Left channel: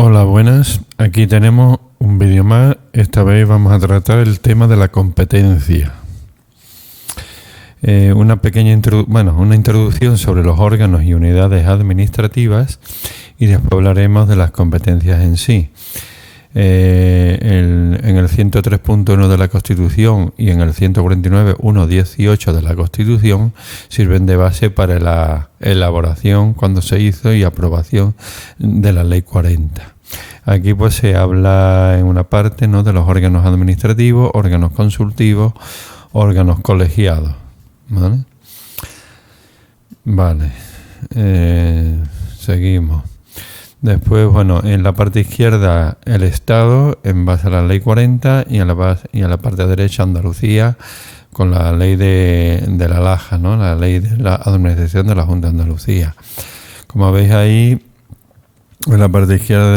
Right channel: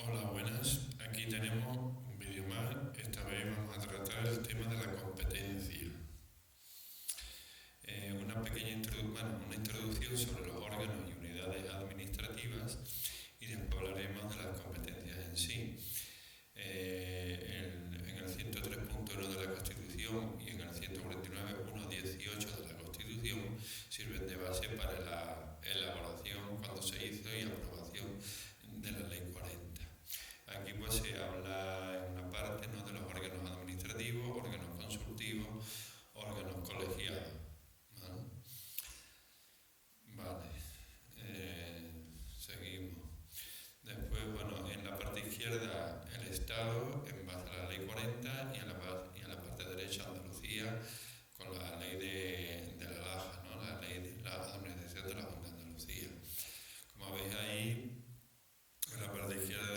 Hola, buenas. Aquí tenemos un vídeo más. Esta vez vamos a tratar el tema de la competencia. Una pequeña una introducción sobre los órganos y unidades administrativas y después hablaremos de las competencias en sí. En el 103.1 de la Constitución y en el 149.1.18 de la Constitución sirven de base para la elaboración cuando se hizo y aprobación de la Ley 40. Aquí pues se habla en una parte, ¿no?, de los órganos administrativos, órganos consultivos, órganos colegiados. Vale. Seguimos. Después, en la parte izquierda el Estado en base a la Ley 40 y a la parte derecha Andalucía con la ley de la LAJA, ¿no?, la ley de la administración de la Junta de Andalucía. Como veis ahí, en la parte izquierda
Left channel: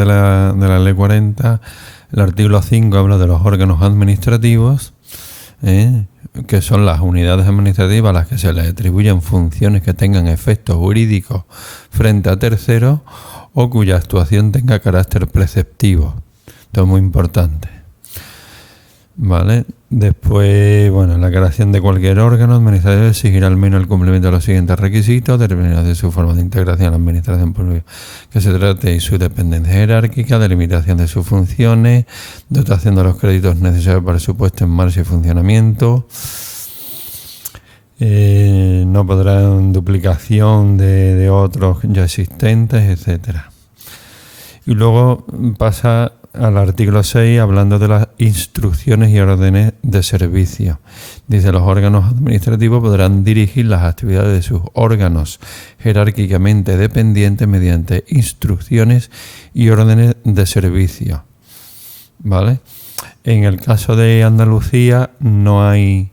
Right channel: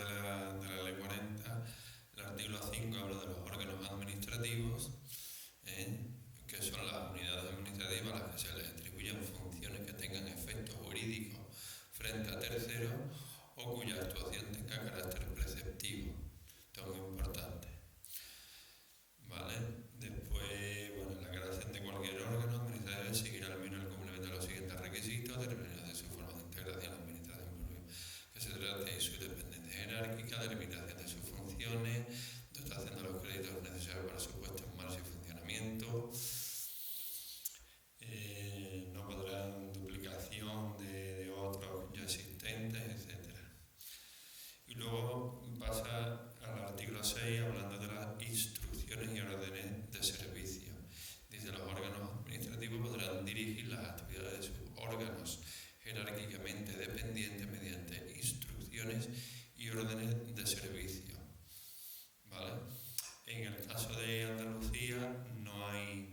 de la Ley 40, el artículo 5 habla de los órganos administrativos, que son las unidades administrativas a las que se les atribuyen funciones que tengan efectos jurídicos frente a terceros o cuya actuación tenga carácter preceptivo. Esto es muy importante. ¿Vale? Después, la creación de cualquier órgano administrativo exigirá al menos el cumplimiento de los siguientes requisitos, determinación de su forma de integración en la administración pública que se trate y su dependencia jerárquica, delimitación de sus funciones, dotación de los créditos necesarios para su puesta en marcha y funcionamiento. No podrán duplicación de otros ya existentes, etcétera. Y luego pasa al artículo 6 hablando de las instrucciones y órdenes de servicio. Dice: los órganos administrativos podrán dirigir las actividades de sus órganos jerárquicamente dependientes mediante instrucciones y órdenes de servicio. ¿Vale? En el caso de Andalucía no hay...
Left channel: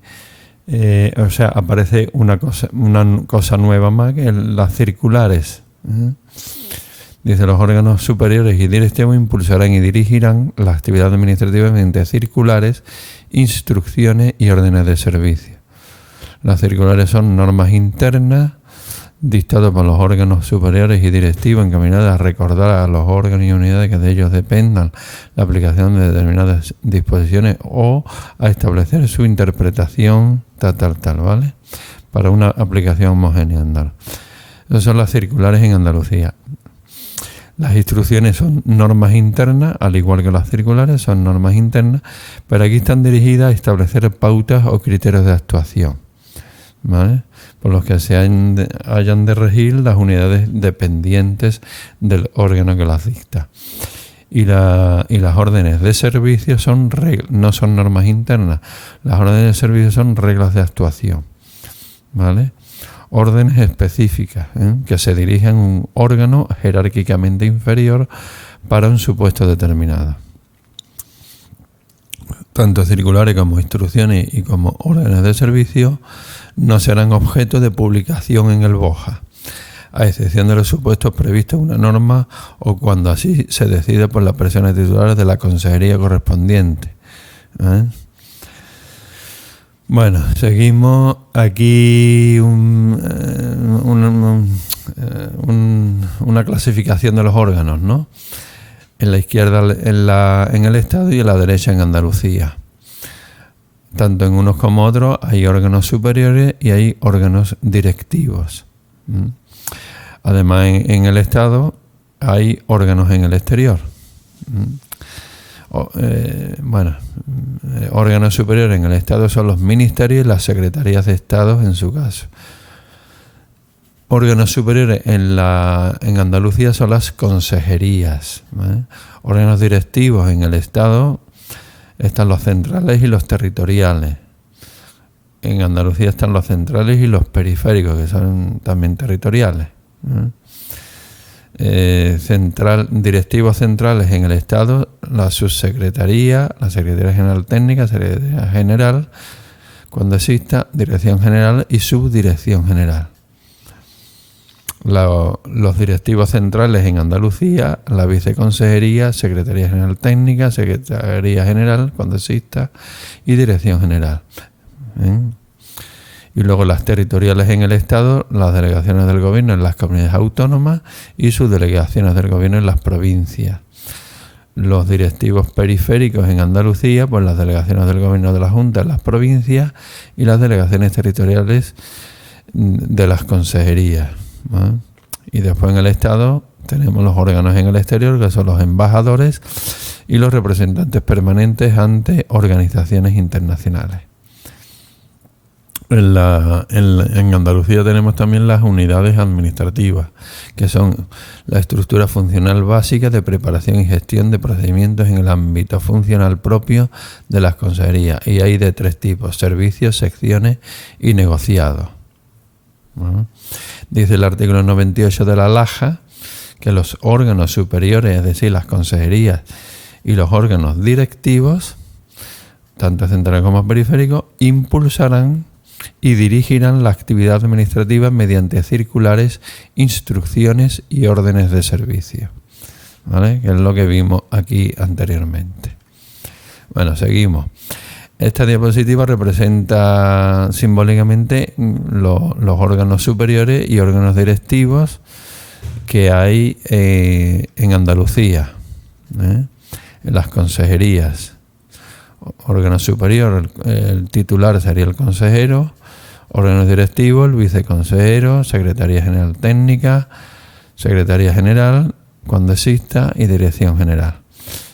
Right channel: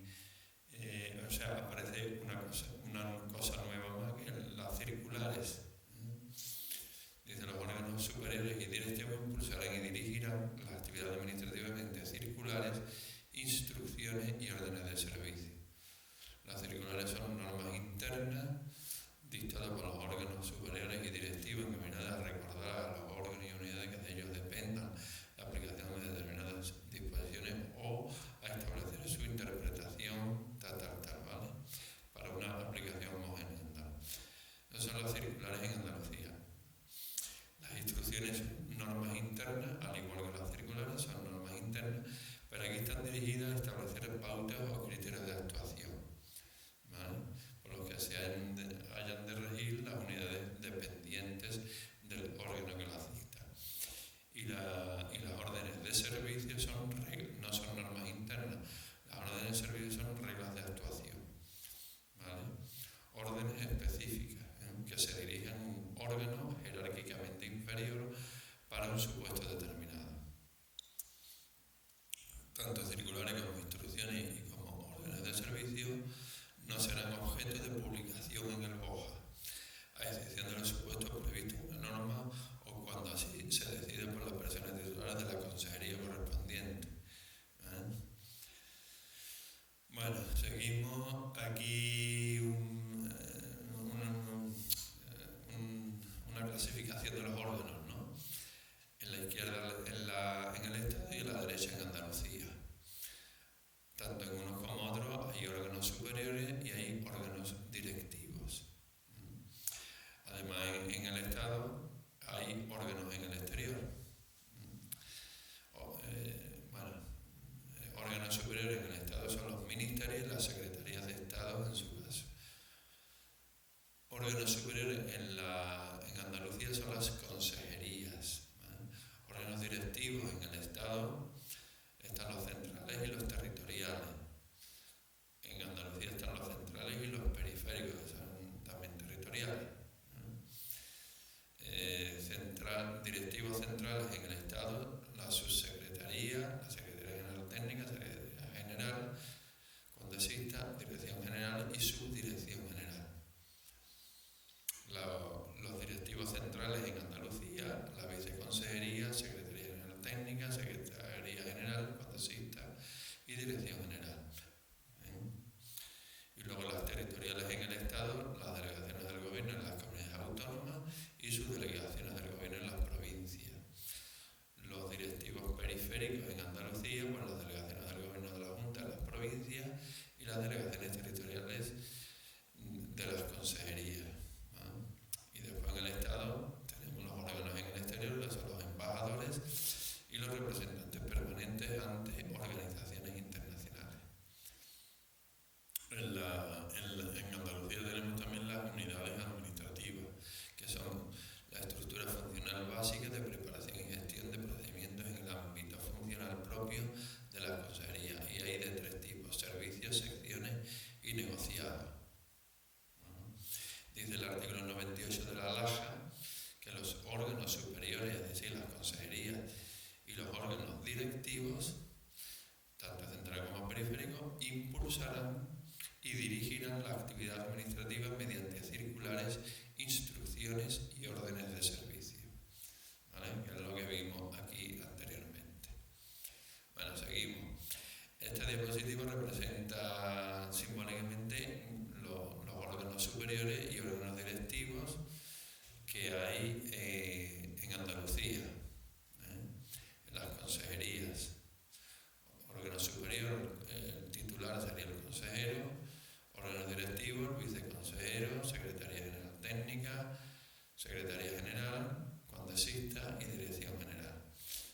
aparece una cosa nueva más, que las circulares. Dice: los órganos superiores y directivos impulsarán y dirigirán las actividades administrativas mediante circulares, instrucciones y órdenes de servicio. Las circulares son normas internas dictadas por los órganos superiores y directivos encaminadas a recordar a los órganos y unidades que de ellos dependan la aplicación de determinadas disposiciones o a establecer su interpretación ¿vale? Para una aplicación homogénea andal. Esas son las circulares en Andalucía. Las instrucciones son normas internas, al igual que las circulares son normas internas, pero aquí están dirigidas a establecer pautas o criterios de actuación, ¿vale?, por los que hayan de regir las unidades dependientes del órgano que las dicta. Y las órdenes de servicio no son normas internas, las órdenes de servicio son reglas de actuación, ¿vale? Órdenes específicas, que se dirigen a un órgano jerárquicamente inferior para un supuesto determinado. Tanto circulares como instrucciones y como órdenes de servicio no serán objeto de publicación en el BOJA, a excepción de los supuestos previstos en una norma o cuando así se decide por las personas titulares de la consejería correspondiente. Seguimos aquí una clasificación de los órganos, ¿no? En la izquierda en el Estado y en la derecha en Andalucía. Tanto en unos como otros hay órganos superiores y hay órganos directivos. Además, en el Estado hay órganos en el exterior. Órganos superiores en el Estado son los ministerios y las secretarías de Estado en su caso. Órganos superiores en Andalucía son las consejerías, ¿vale? Órganos directivos en el Estado están los centrales y los territoriales. En Andalucía están los centrales y los periféricos, que son también territoriales. Directivos centrales en el Estado, la subsecretaría, la Secretaría General Técnica, Secretaría General, cuando exista, Dirección General y Subdirección General. Los directivos centrales en Andalucía, la Viceconsejería, Secretaría General Técnica, Secretaría General, cuando exista, y Dirección General. Y luego las territoriales en el Estado, las delegaciones del gobierno en las comunidades autónomas y sus delegaciones del gobierno en las provincias. Los directivos periféricos en Andalucía, pues las delegaciones del gobierno de la Junta en las provincias y las delegaciones territoriales de las consejerías, ¿no? Y después en el Estado tenemos los órganos en el exterior, que son los embajadores y los representantes permanentes ante organizaciones internacionales. En Andalucía tenemos también las unidades administrativas, que son la estructura funcional básica de preparación y gestión de procedimientos en el ámbito funcional propio de las consejerías. Y hay de 3 tipos: servicios, secciones y negociados. ¿No? Dice el artículo 98 de la LAJA que los órganos superiores, es decir, las consejerías y los órganos directivos, tanto centrales como periféricos, impulsarán y dirigirán la actividad administrativa mediante circulares, instrucciones y órdenes de servicio, ¿vale? Que es lo que vimos aquí anteriormente. Bueno, seguimos. Esta diapositiva representa simbólicamente los órganos superiores y órganos directivos que hay en Andalucía, en las consejerías. Órgano superior, el titular sería el consejero; órganos directivos, el viceconsejero; Secretaría General Técnica, Secretaría General, cuando exista, y Dirección General.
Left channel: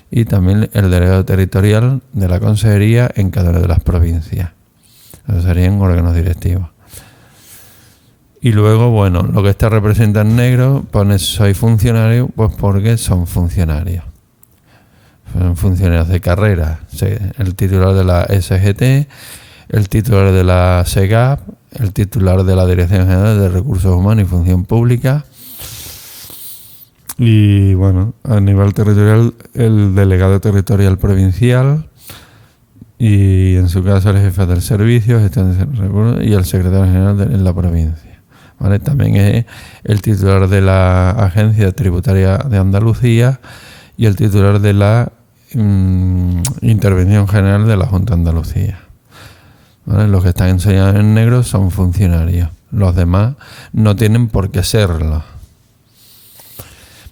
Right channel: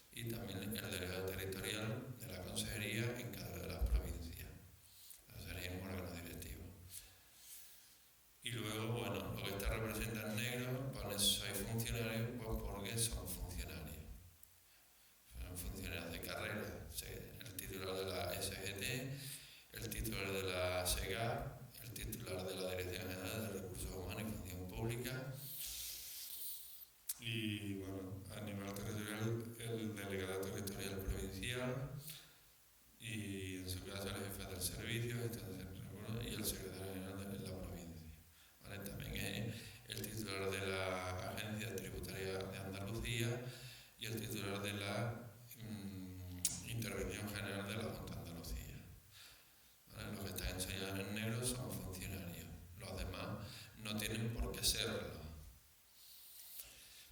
Y también el delegado territorial de la consejería en cada una de las provincias. Esos serían órganos directivos. Y luego, bueno, lo que está representado en negro, pone soy funcionario, pues porque son funcionarios. Son funcionarios de carrera. El titular de la SGT, el titular de la SEGAP, el titular de la Dirección General de Recursos Humanos y Función Pública. Y bueno, a nivel territorial, el delegado territorial provincial y en su caso el jefe del servicio, gestión de recursos, y el secretario general en la provincia. ¿Vale? También es el titular de la Agencia Tributaria de Andalucía y el titular de la Intervención General de la Junta de Andalucía. ¿Vale? Los que están enseñados en negro son funcionarios. Los demás no tienen por qué serlo.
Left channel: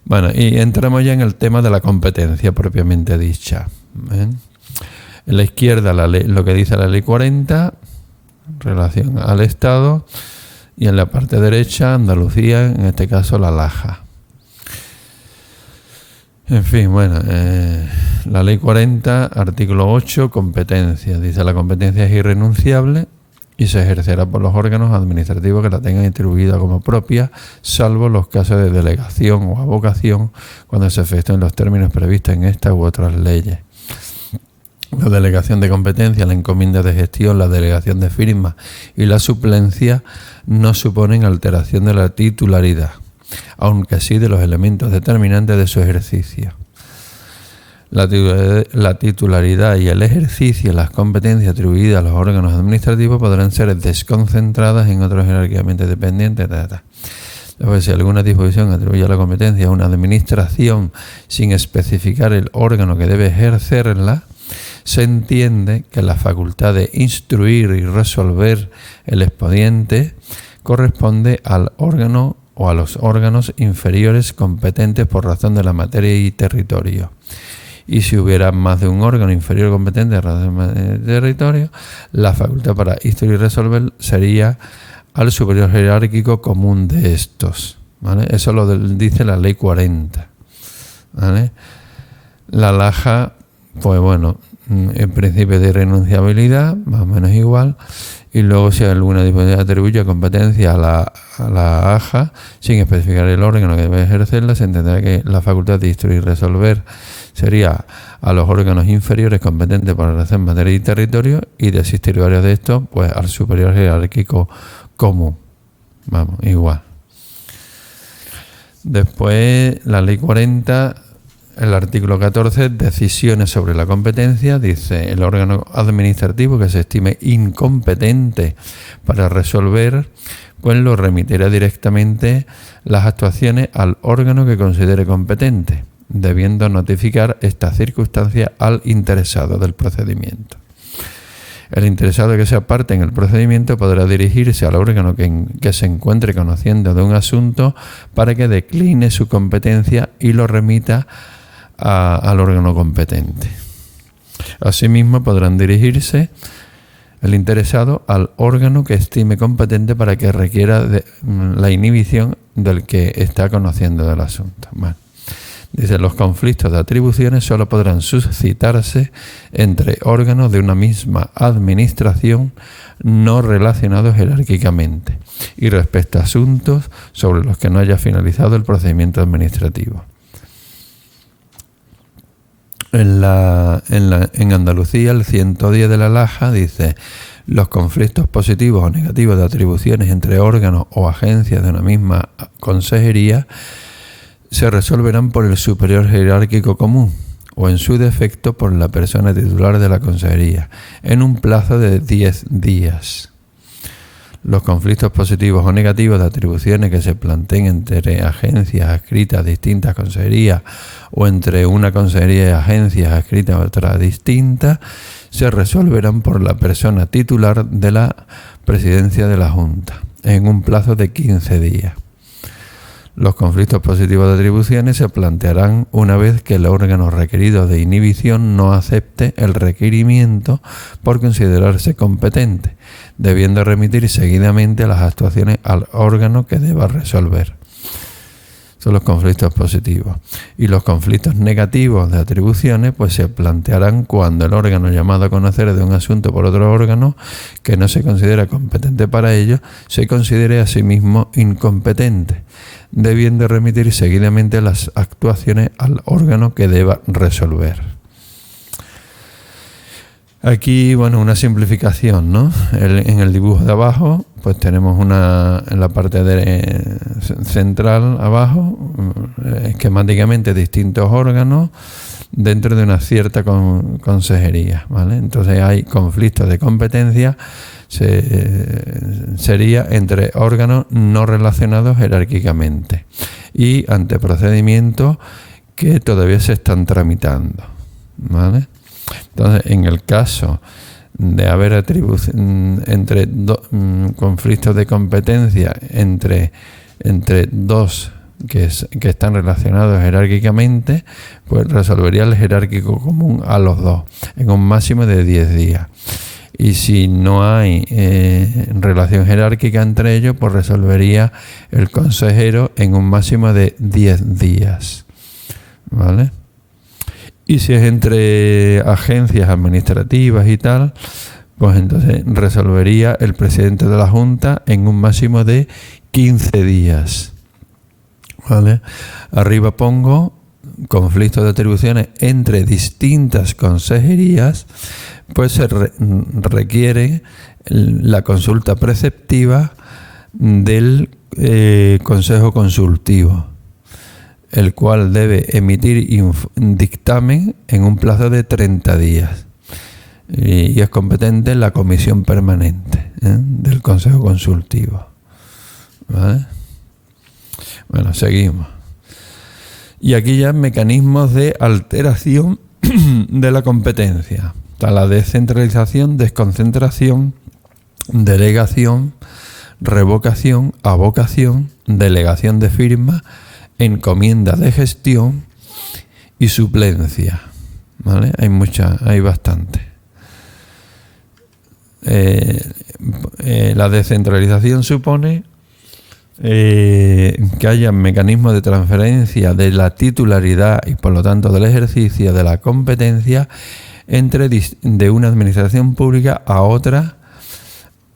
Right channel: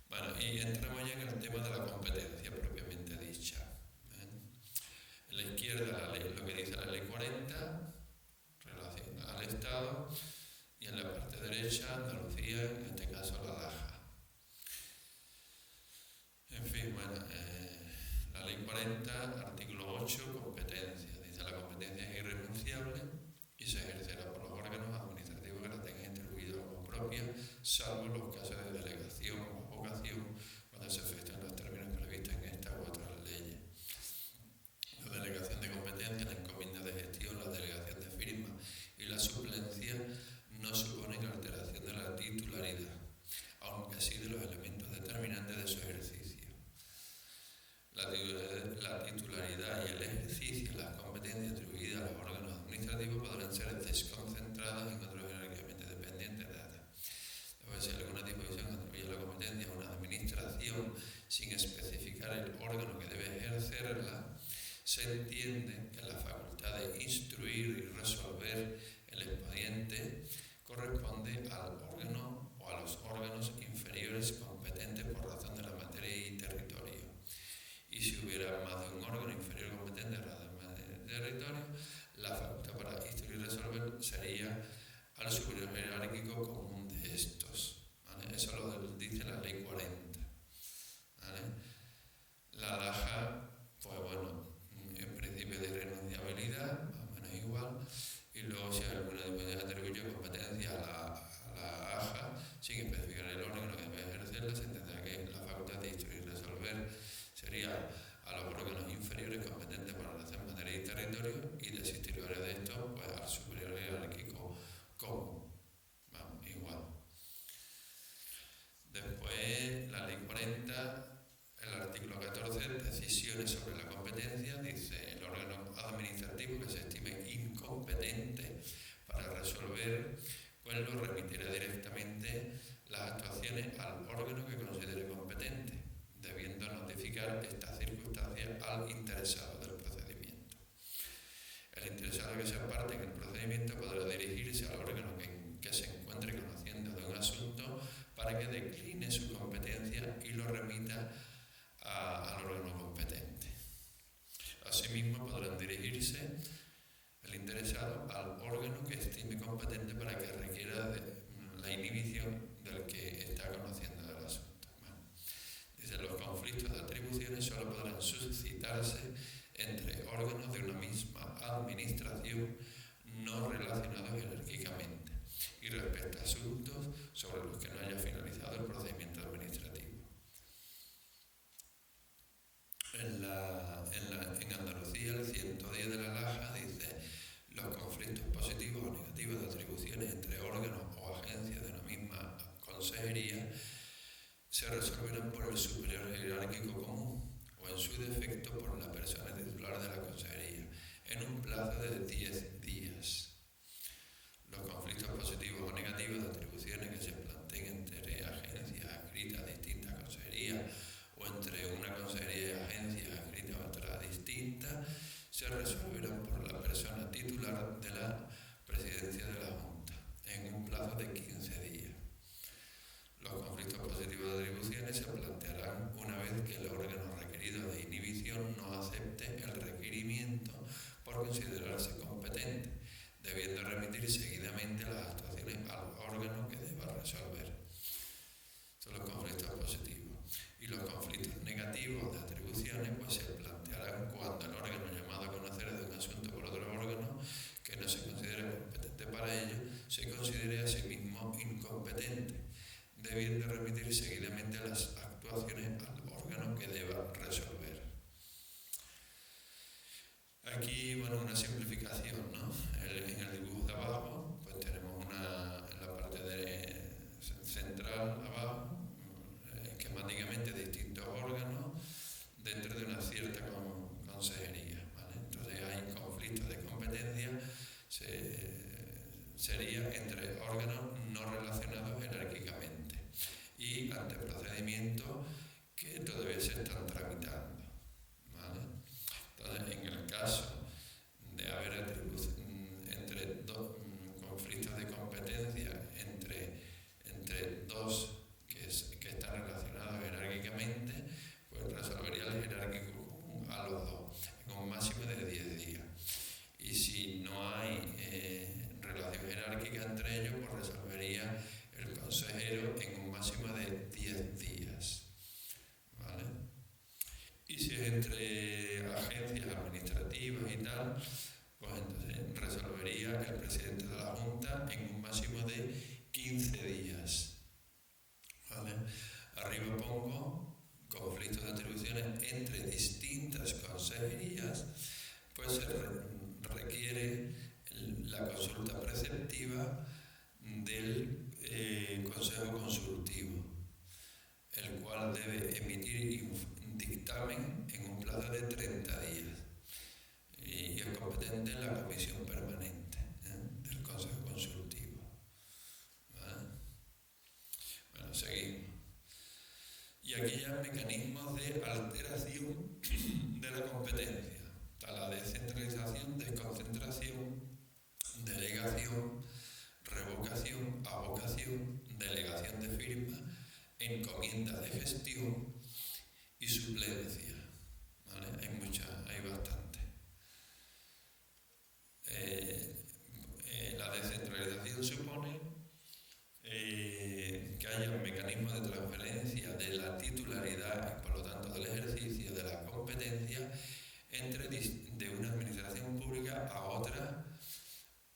Bueno, y entramos ya en el tema de la competencia propiamente dicha. En la izquierda lo que dice la Ley 40 en relación al Estado, y en la parte derecha Andalucía, en este caso la LAJA. En fin, bueno, la Ley 40, artículo 8, competencia. Dice: la competencia es irrenunciable y se ejercerá por los órganos administrativos que la tengan distribuida como propia, salvo los casos de delegación o avocación, cuando se efectúen los términos previstos en esta u otras leyes. La delegación de competencia, la encomienda de gestión, la delegación de firma y la suplencia no suponen alteración de la titularidad, aunque sí de los elementos determinantes de su ejercicio. La titularidad y el ejercicio de las competencias atribuidas a los órganos administrativos podrán ser desconcentradas en otros jerárquicamente dependientes. Después, si alguna disposición atribuye la competencia a una administración sin especificar el órgano que debe ejercerla, se entiende que la facultad de instruir y resolver el expediente corresponde al órgano o a los órganos inferiores competentes por razón de la materia y territorio. Y si hubiera más de un órgano inferior competente por razón de territorio, la facultad para instruir y resolver sería al superior jerárquico común de estos. ¿Vale? Eso lo dice la Ley 40. ¿Vale? La LAJA, pues bueno, en principio de irrenunciabilidad, más o menos igual. Y luego, si alguna disposición atribuye competencia a la AJA sin especificar el órgano que debe ejercerla, se entenderá que la facultad de instruir y resolver sería a los órganos inferiores competentes para hacer materia y territorio, y de existir varios de estos, pues al superior jerárquico común. Vamos, igual. Después, la Ley 40, el artículo 14, decisiones sobre la competencia, dice: el órgano administrativo que se estime incompetente para resolver, pues lo remitirá directamente las actuaciones al órgano que considere competente, debiendo notificar esta circunstancia al interesado del procedimiento. El interesado que sea parte en el procedimiento podrá dirigirse al órgano que se encuentre conociendo de un asunto para que decline su competencia y lo remita al órgano competente. Asimismo, podrán dirigirse el interesado al órgano que estime competente para que requiera la inhibición del que está conociendo del asunto. Bueno, dice, los conflictos de atribuciones solo podrán suscitarse entre órganos de una misma administración no relacionados jerárquicamente y respecto a asuntos sobre los que no haya finalizado el procedimiento administrativo. En Andalucía, el 110 de la Laja dice: los conflictos positivos o negativos de atribuciones entre órganos o agencias de una misma consejería se resolverán por el superior jerárquico común o, en su defecto, por la persona titular de la consejería, en un plazo de 10 días. Los conflictos positivos o negativos de atribuciones que se planteen entre agencias adscritas a distintas consejerías o entre una consejería y agencias adscritas a otra distinta se resolverán por la persona titular de la presidencia de la Junta, en un plazo de 15 días. Los conflictos positivos de atribuciones se plantearán una vez que el órgano requerido de inhibición no acepte el requerimiento por considerarse competente, debiendo remitir seguidamente las actuaciones al órgano que deba resolver. Son los conflictos positivos. Y los conflictos negativos de atribuciones pues se plantearán cuando el órgano llamado a conocer de un asunto por otro órgano que no se considera competente para ello, se considere a sí mismo incompetente, debiendo remitir seguidamente las actuaciones al órgano que deba resolver. Aquí, bueno, una simplificación, ¿no? En el dibujo de abajo, pues tenemos en la parte central abajo, esquemáticamente distintos órganos dentro de una cierta consejería, ¿vale? Entonces hay conflictos de competencia, sería entre órganos no relacionados jerárquicamente y ante procedimientos que todavía se están tramitando, ¿vale? Entonces, en el caso de haber conflictos de competencia entre dos que están relacionados jerárquicamente, pues resolvería el jerárquico común a los dos en un máximo de 10 días. Y si no hay relación jerárquica entre ellos, pues resolvería el consejero en un máximo de 10 días. ¿Vale? Y si es entre agencias administrativas y tal, pues entonces resolvería el presidente de la Junta en un máximo de 15 días. ¿Vale? Arriba pongo conflictos de atribuciones entre distintas consejerías, pues se requiere la consulta preceptiva del Consejo Consultivo, el cual debe emitir un dictamen en un plazo de 30 días. Y es competente la comisión permanente del Consejo Consultivo. ¿Vale? Bueno, seguimos. Y aquí ya mecanismos de alteración de la competencia. Está la descentralización, desconcentración, delegación, revocación, avocación, delegación de firma, encomienda de gestión y suplencia. ¿Vale? Hay bastante. La descentralización supone que haya mecanismos de transferencia de la titularidad y por lo tanto del ejercicio de la competencia de una administración pública a otra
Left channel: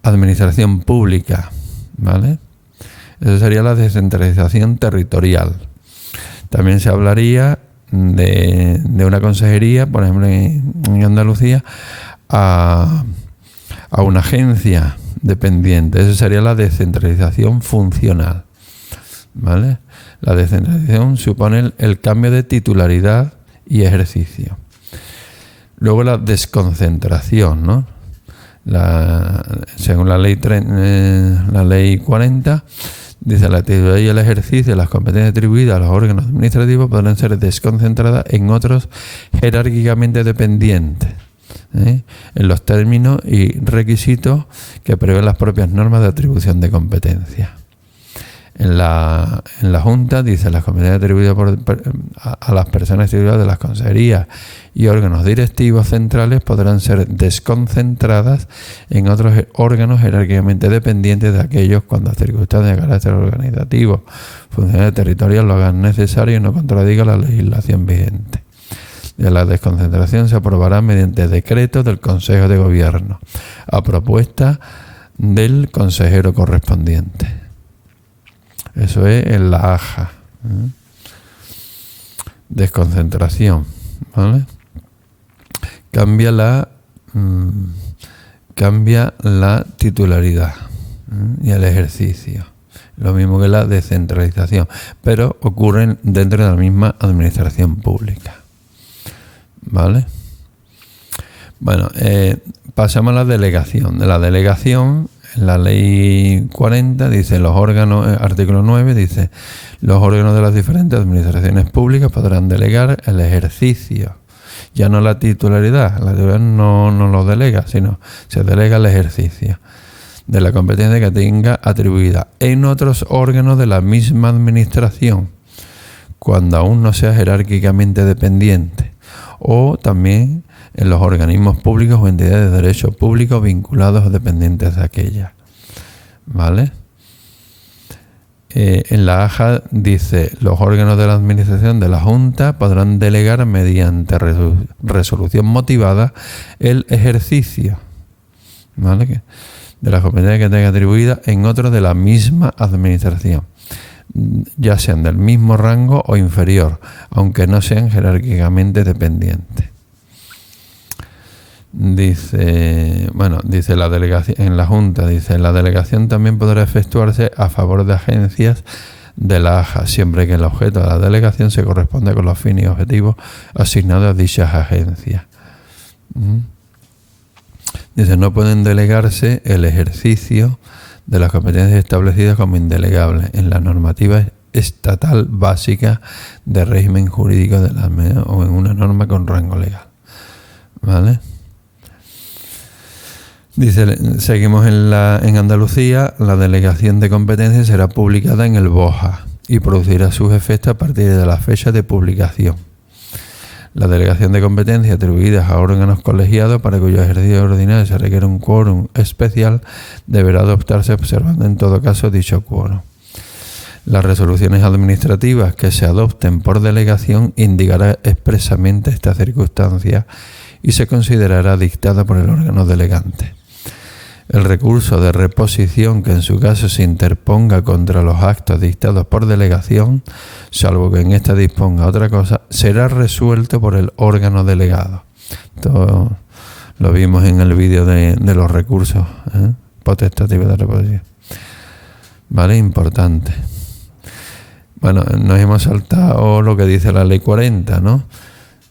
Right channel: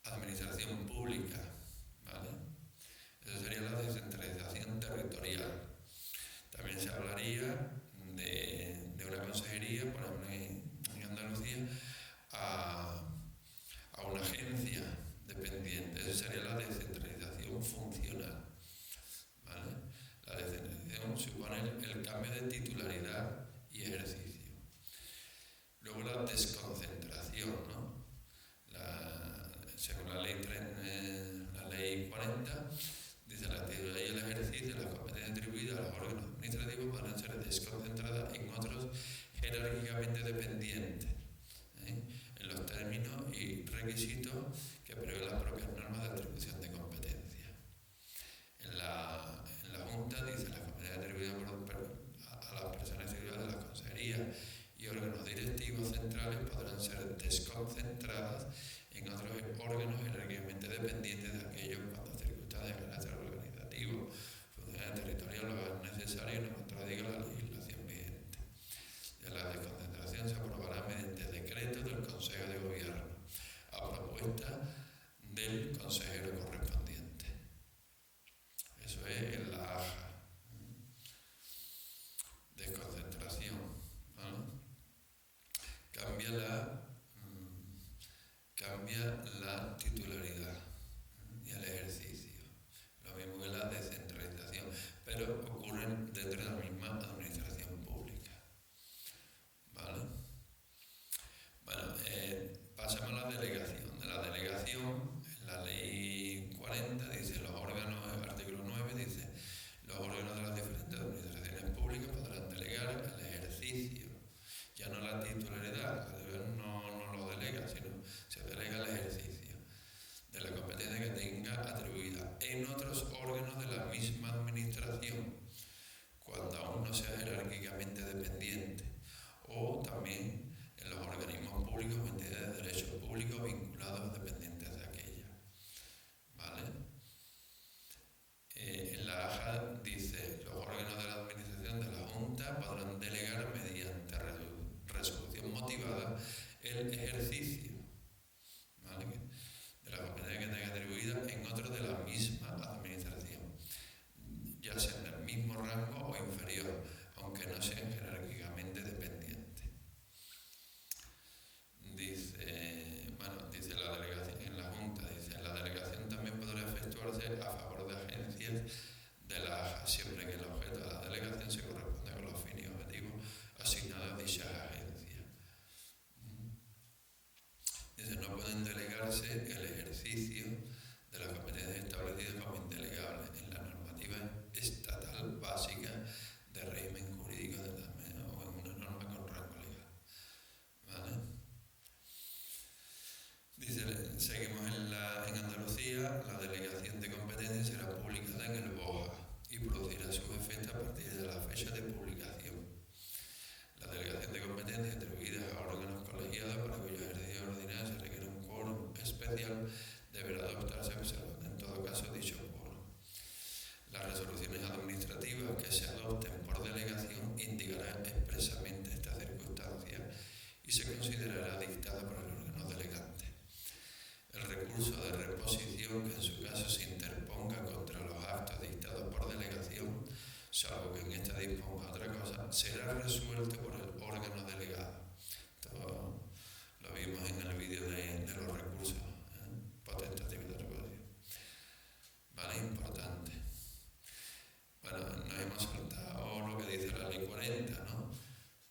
administración pública, ¿vale? Eso sería la descentralización territorial. También se hablaría de una consejería, por ejemplo en Andalucía, a una agencia dependiente. Eso sería la descentralización funcional, ¿vale? La descentralización supone el cambio de titularidad y ejercicio. Luego la desconcentración, ¿no? Según la ley 40, dice: la titularidad y el ejercicio de las competencias atribuidas a los órganos administrativos podrán ser desconcentradas en otros jerárquicamente dependientes. en los términos y requisitos que prevén las propias normas de atribución de competencia. En la Junta dice las competencias atribuidas a las personas titulares de las consejerías y órganos directivos centrales podrán ser desconcentradas en otros órganos jerárquicamente dependientes de aquellos cuando circunstancias de carácter organizativo, funcional y territorial lo hagan necesario y no contradiga la legislación vigente. De la desconcentración se aprobará mediante decreto del Consejo de Gobierno, a propuesta del consejero correspondiente. Eso es en la AJA. Desconcentración, ¿vale? Cambia la titularidad y el ejercicio. Lo mismo que la descentralización, pero ocurren dentro de la misma administración pública. ¿Vale? Bueno, pasamos a la delegación. De la delegación, en la ley 40 dice los órganos, artículo 9 dice, los órganos de las diferentes administraciones públicas podrán delegar el ejercicio. Ya no la titularidad no lo delega, sino se delega el ejercicio de la competencia que tenga atribuida en otros órganos de la misma administración, cuando aún no sea jerárquicamente dependiente, o también en los organismos públicos o entidades de derecho público vinculados o dependientes de aquella. ¿Vale? En la AJA dice, los órganos de la administración de la Junta podrán delegar mediante resolución motivada el ejercicio, ¿vale?, de la competencia que tenga atribuida en otros de la misma administración, ya sean del mismo rango o inferior, aunque no sean jerárquicamente dependientes. Dice la delegación en la Junta, dice, la delegación también podrá efectuarse a favor de agencias de la AJA, siempre que el objeto de la delegación se corresponda con los fines y objetivos asignados a dichas agencias. Dice, no pueden delegarse el ejercicio de las competencias establecidas como indelegables en la normativa estatal básica de régimen jurídico de la o en una norma con rango legal. ¿Vale? Dice, seguimos en Andalucía, la delegación de competencias será publicada en el BOJA y producirá sus efectos a partir de la fecha de publicación. La delegación de competencias atribuidas a órganos colegiados para cuyo ejercicio ordinario se requiere un quórum especial deberá adoptarse observando en todo caso dicho quórum. Las resoluciones administrativas que se adopten por delegación indicará expresamente esta circunstancia y se considerará dictada por el órgano delegante. El recurso de reposición que en su caso se interponga contra los actos dictados por delegación, salvo que en esta disponga otra cosa, será resuelto por el órgano delegado. Esto lo vimos en el vídeo de los recursos potestativos de reposición. ¿Vale? Importante. Bueno, nos hemos saltado lo que dice la ley 40, ¿no?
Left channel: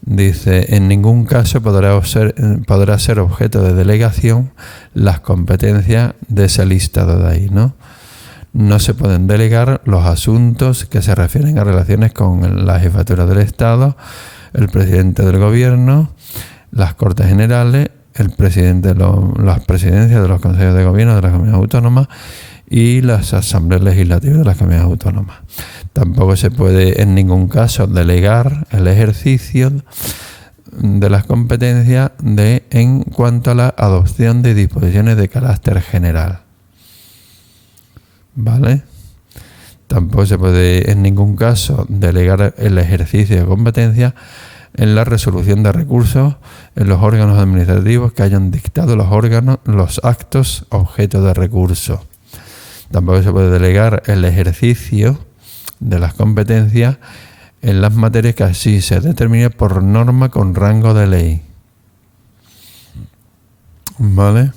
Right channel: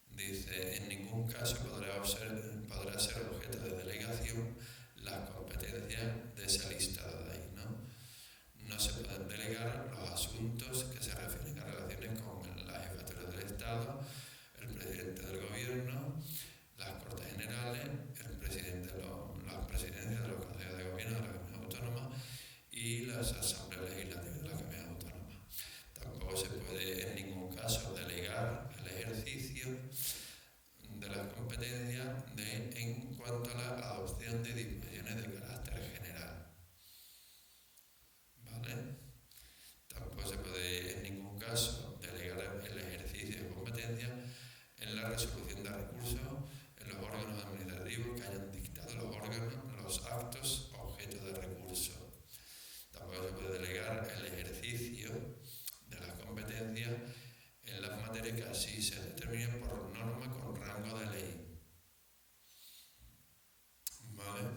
Dice, en ningún caso podrá ser objeto de delegación las competencias de ese listado de ahí, ¿no? No se pueden delegar los asuntos que se refieren a relaciones con la jefatura del Estado, el presidente del Gobierno, las Cortes Generales, el presidente las presidencias de los consejos de gobierno de las comunidades autónomas y las asambleas legislativas de las comunidades autónomas. Tampoco se puede en ningún caso delegar el ejercicio de las competencias en cuanto a la adopción de disposiciones de carácter general. ¿Vale? Tampoco se puede en ningún caso delegar el ejercicio de competencia en la resolución de recursos en los órganos administrativos que hayan dictado los actos objeto de recurso. Tampoco se puede delegar el ejercicio de las competencias en las materias que así se determine por norma con rango de ley. ¿Vale?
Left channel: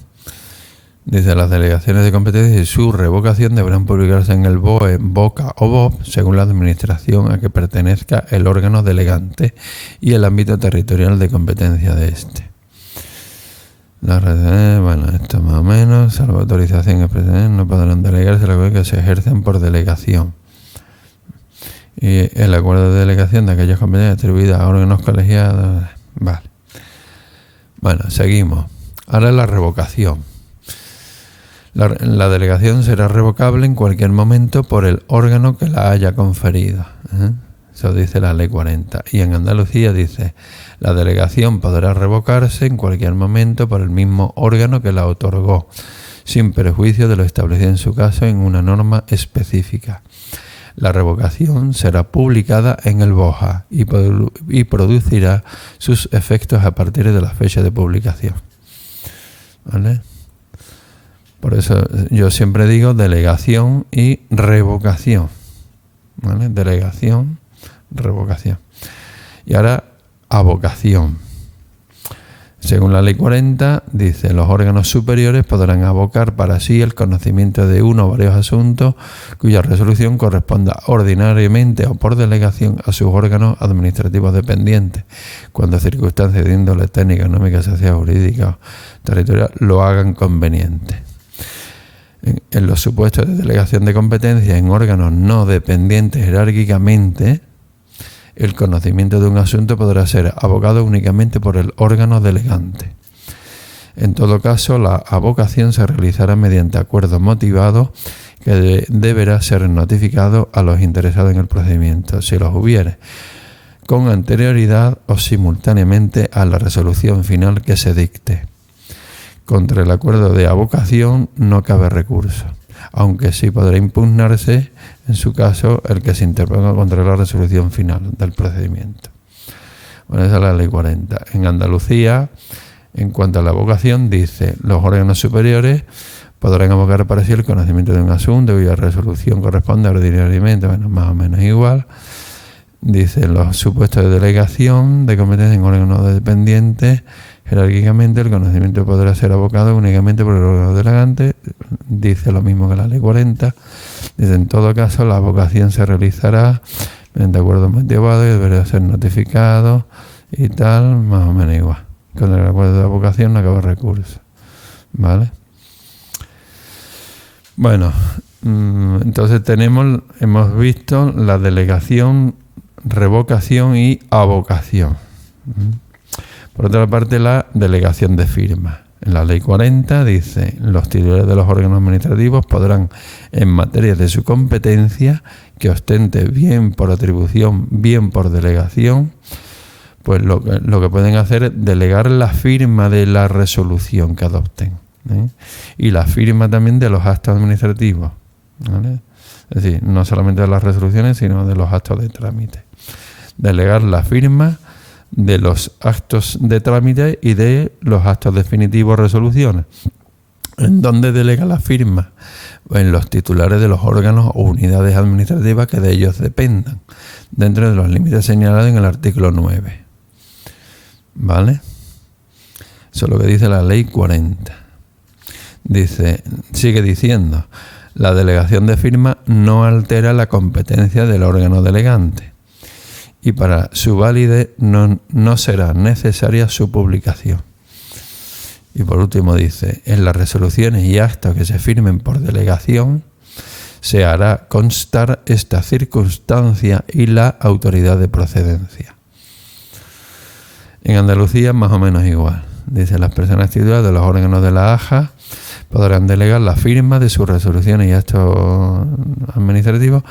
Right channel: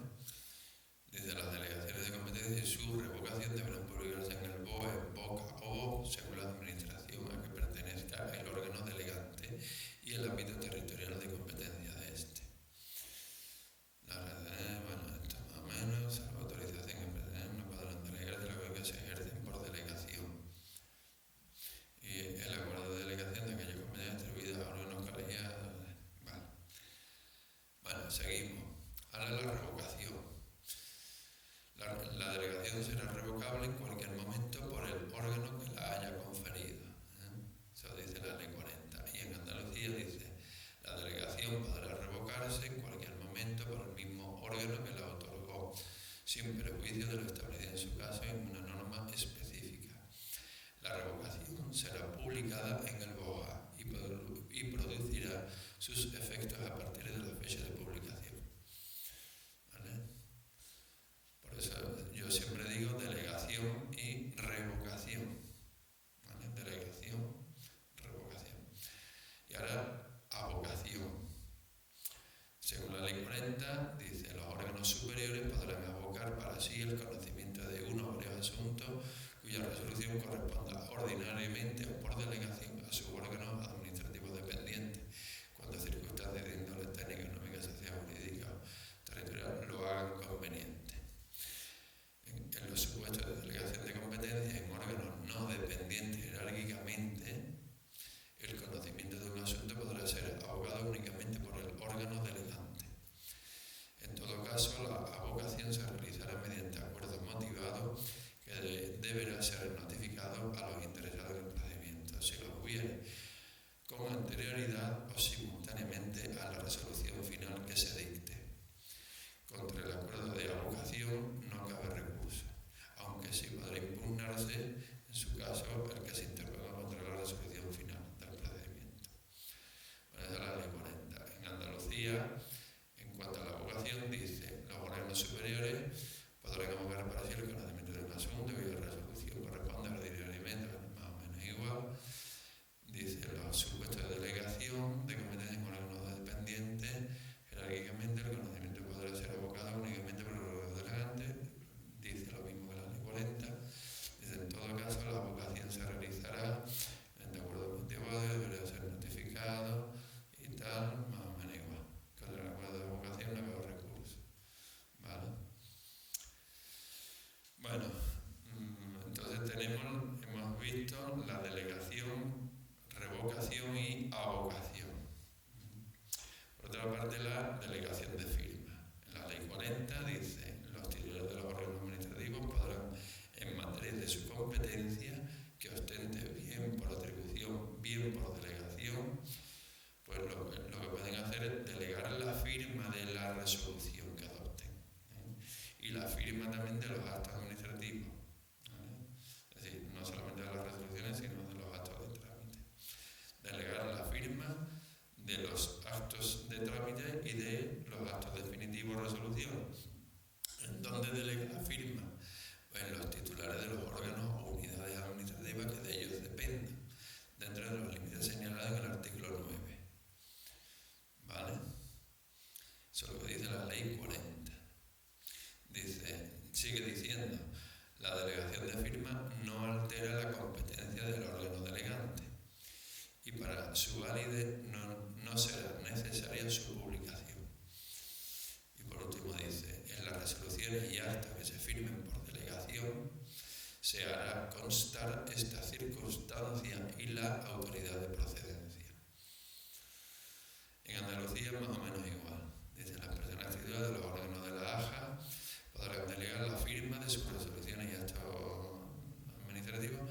Dice, las delegaciones de competencias y su revocación deberán publicarse en el BOE, BOCA o BOP según la administración a que pertenezca el órgano delegante y el ámbito territorial de competencia de este. Esto más o menos, salvo autorización expresa, no podrán delegarse las cosas que se ejercen por delegación. Y el acuerdo de delegación de aquellas competencias atribuidas a órganos colegiados. Vale. Bueno, seguimos. Ahora la revocación. La delegación será revocable en cualquier momento por el órgano que la haya conferido. Eso dice la Ley 40. Y en Andalucía dice, la delegación podrá revocarse en cualquier momento por el mismo órgano que la otorgó, sin perjuicio de lo establecido en su caso en una norma específica. La revocación será publicada en el BOJA y producirá sus efectos a partir de la fecha de publicación. ¿Vale? Por eso yo siempre digo delegación y revocación. ¿Vale? Delegación, revocación. Y ahora, avocación. Según la Ley 40, dice, los órganos superiores podrán avocar para sí el conocimiento de uno o varios asuntos cuya resolución corresponda ordinariamente o por delegación a sus órganos administrativos dependientes, cuando circunstancias de índole técnica, económica, social, jurídica o territorial lo hagan conveniente. En los supuestos de delegación de competencia en órganos no dependientes jerárquicamente, el conocimiento de un asunto podrá ser avocado únicamente por el órgano delegante. En todo caso, la avocación se realizará mediante acuerdo motivado que deberá ser notificado a los interesados en el procedimiento, si los hubiere, con anterioridad o simultáneamente a la resolución final que se dicte. Contra el acuerdo de avocación no cabe recurso, aunque sí podrá impugnarse, en su caso, el que se interponga contra la resolución final del procedimiento. Bueno, esa es la Ley 40. En Andalucía, en cuanto a la avocación, dice, los órganos superiores podrán avocar para sí el conocimiento de un asunto cuya resolución corresponde ordinariamente, bueno, más o menos igual. Dice, los supuestos de delegación de competencia en órganos dependientes, jerárquicamente el conocimiento podrá ser avocado únicamente por el órgano delegante. Dice lo mismo que la Ley 40. Dice, en todo caso, la avocación se realizará mediante acuerdo motivado y deberá ser notificado y tal, más o menos igual. Con el acuerdo de avocación no acaba recurso. ¿Vale? Bueno, entonces hemos visto la delegación, revocación y avocación. Por otra parte, la delegación de firma. En la Ley 40 dice, los titulares de los órganos administrativos podrán, en materia de su competencia, que ostente bien por atribución, bien por delegación, pues lo que pueden hacer es delegar la firma de la resolución que adopten, ¿eh? Y la firma también de los actos administrativos, ¿vale? Es decir, no solamente de las resoluciones, sino de los actos de trámite. Delegar la firma de los actos de trámite y de los actos definitivos o resoluciones. ¿En dónde delega la firma? En los titulares de los órganos o unidades administrativas que de ellos dependan, dentro de los límites señalados en el artículo 9. ¿Vale? Eso es lo que dice la Ley 40. Sigue diciendo, la delegación de firma no altera la competencia del órgano delegante y para su validez no será necesaria su publicación. Y por último dice, en las resoluciones y actos que se firmen por delegación se hará constar esta circunstancia y la autoridad de procedencia. En Andalucía más o menos igual. Dice, las personas titulares de los órganos de la AJA podrán delegar la firma de sus resoluciones y actos administrativos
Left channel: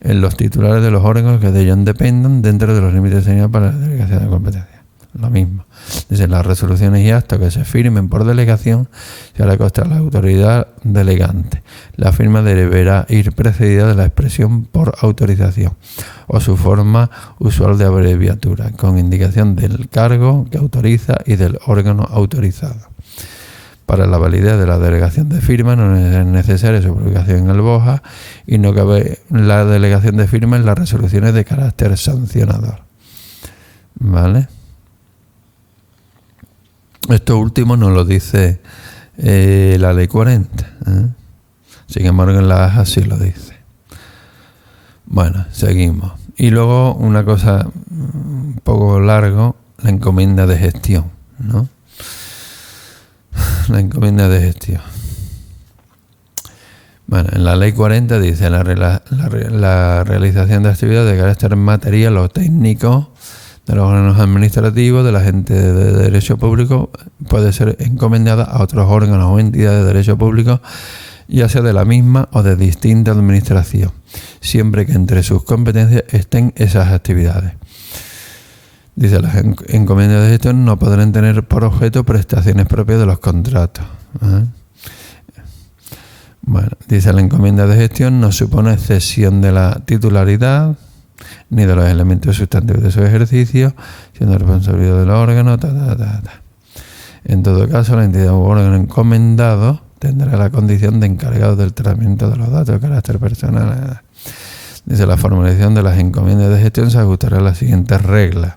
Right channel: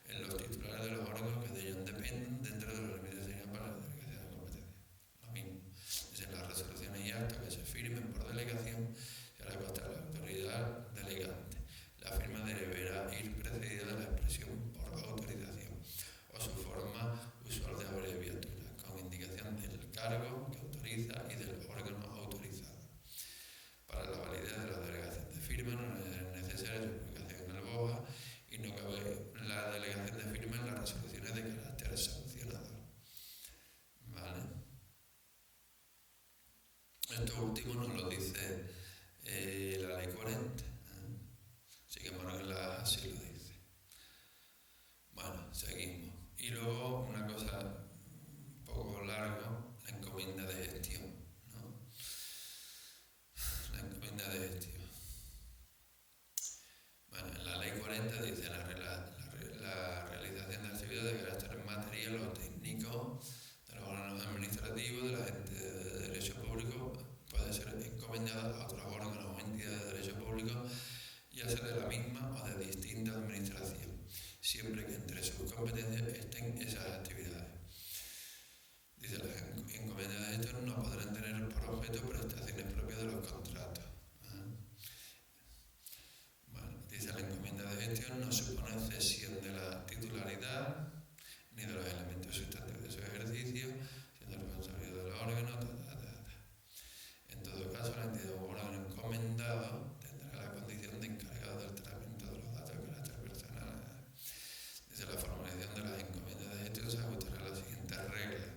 en los titulares de los órganos que de ellos dependan dentro de los límites señalados para la delegación de competencia. Lo mismo. Dice, las resoluciones y actos que se firmen por delegación se hará constar la autoridad delegante. La firma deberá ir precedida de la expresión por autorización o su forma usual de abreviatura, con indicación del cargo que autoriza y del órgano autorizado. Para la validez de la delegación de firma no es necesaria su publicación en el BOJA y no cabe la delegación de firma en las resoluciones de carácter sancionador. ¿Vale? Esto último nos lo dice la Ley 40. Sin embargo, en la AJA sí lo dice. Bueno, seguimos. Y luego una cosa un poco largo, la encomienda de gestión, ¿no? La encomienda de gestión. Bueno, en la Ley 40 dice la realización de actividades de carácter material o técnico de los órganos administrativos de la gente de derecho público puede ser encomendada a otros órganos o entidades de derecho público, ya sea de la misma o de distinta administración, siempre que entre sus competencias estén esas actividades. Dice, las encomiendas de gestión no podrán tener por objeto prestaciones propias de los contratos. Bueno, dice, la encomienda de gestión no supone cesión de la titularidad ni de los elementos sustantivos de su ejercicio, siendo responsabilidad del órgano, En todo caso, la entidad u órgano encomendado tendrá la condición de encargado del tratamiento de los datos de carácter personal. Dice, la formalización de las encomiendas de gestión se ajustará a las siguientes reglas.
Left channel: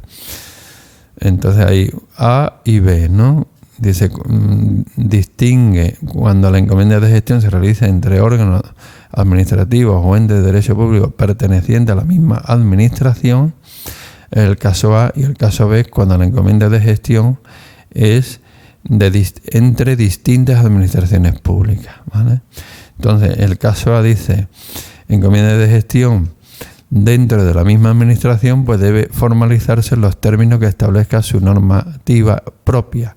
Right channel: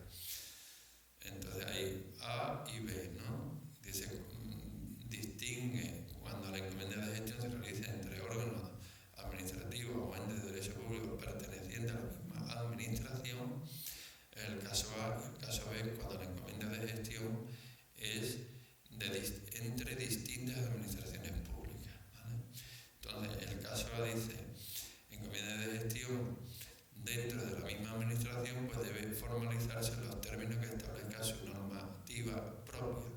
Entonces hay A y B, ¿no? Dice, distingue cuando la encomienda de gestión se realiza entre órganos administrativos o entes de derecho público pertenecientes a la misma administración, el caso A, y el caso B cuando la encomienda de gestión es entre distintas administraciones públicas, ¿vale? Entonces, el caso A dice, encomienda de gestión dentro de la misma administración, pues debe formalizarse en los términos que establezca su normativa propia